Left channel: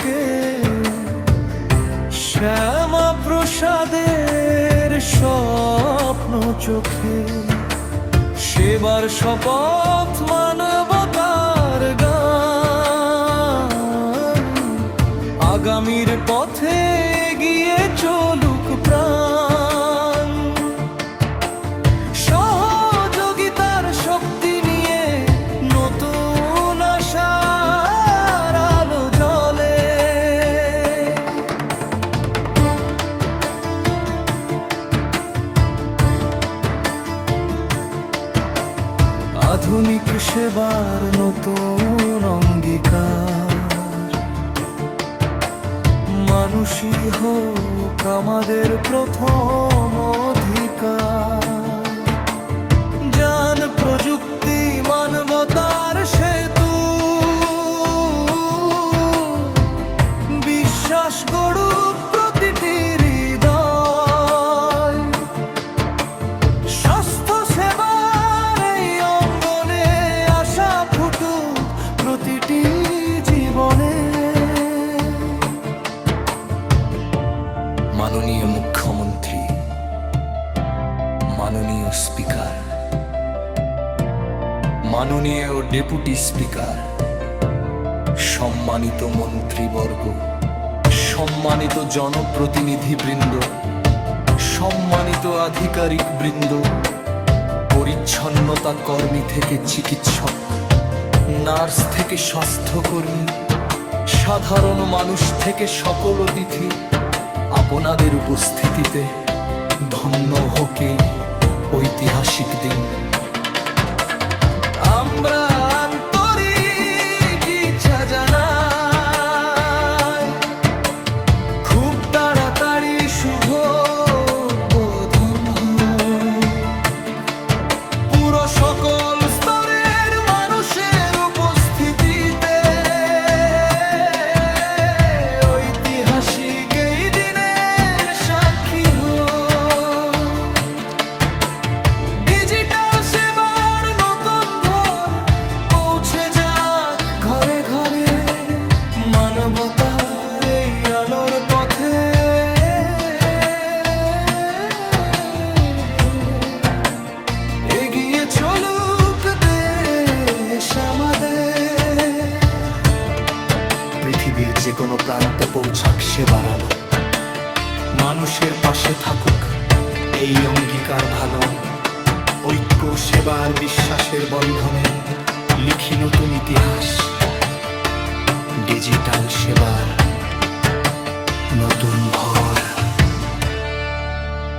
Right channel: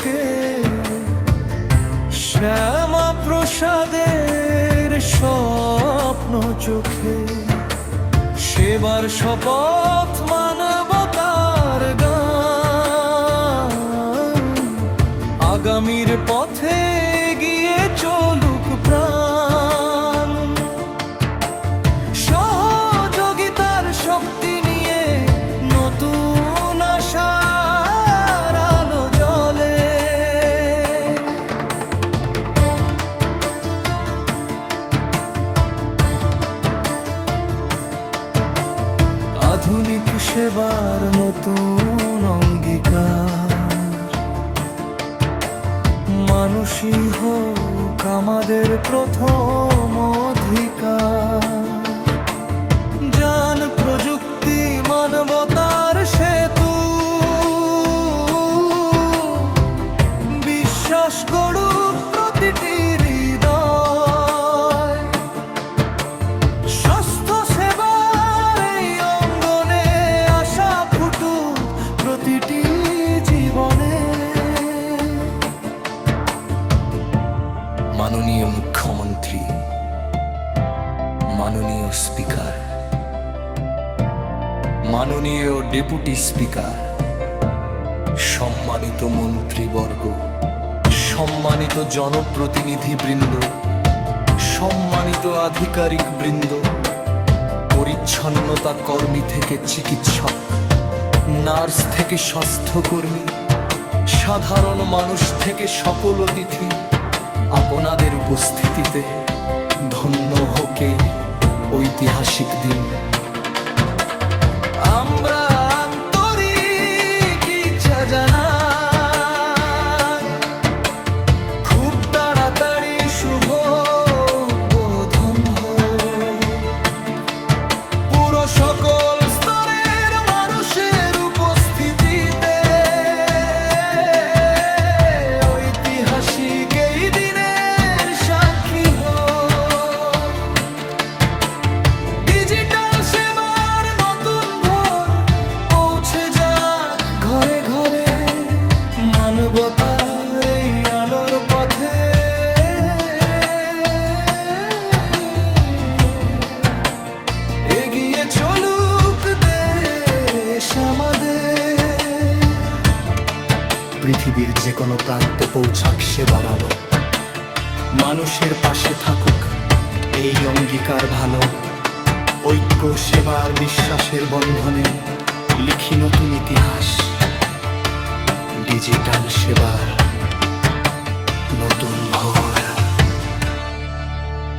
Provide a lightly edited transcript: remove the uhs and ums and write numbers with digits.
ঝলকে শ্যামা প্রসাদের স্বপ্ন চোখে, সেবার শপথ মানবতার গান, আগামীর পথে গিয়ে চলুক প্রাণ। সহযোগিতার শক্তি নিয়ে নতুন আশার আলো জ্বলে। আধুনিক সেবার নতুন অঙ্গীকার, মানুষই হোক আমাদের প্রথম অধিকার। জ্ঞান প্রযুক্তি মানবতার সেতু, বিশ্বাস গড়ুক প্রতিটি হৃদয়। স্বাস্থ্য সেবার এই অঙ্গনে আশা ফুটুক প্রতিটি জীবনে। মাননীয় মুখ্যমন্ত্রী, মাননীয় স্পিকার, মাননীয় ডেপুটি স্পিকার, সম্মানিত মন্ত্রীবর্গ, সম্মানিত জনপ্রতিনিধিবৃন্দ, সম্মানিত আধিকারিক বৃন্দ, পরিচ্ছন্নতা কর্মী থেকে চিকিৎসক, নার্স থেকে স্বাস্থ্যকর্মী, সাধারণ মানুষ থেকে সকল অতিথি, আপনাদের উপস্থিতিতে ধন্য হোক এই ঐতিহাসিক দিন। আমরা আন্তরিক ইচ্ছা জানাই, খুব তাড়াতাড়ি শুভ উদ্বোধন হোক। পুরো সকল স্তরের মানুষের উপস্থিতিতে ঐতিহাসিক এই দিনের সাক্ষী হোক। ডিজিটাল সেবার নতুন ভোর পৌঁছে যাক ঘরে ঘরে, মানবতার এই আলোর পথে। এগিয়ে চলুক দেশ আমাদের। পৃথিবীর যে কোনো প্রান্তে পৌঁছাক সেবার আলো, মানুষের পাশে থাকুক এই অঙ্গীকার ভালো। ঐক্য সেবার বিশ্বাসের বন্ধনে লিখি নতুন ইতিহাস, ডিজিটাল সেবার নতুন ভোর।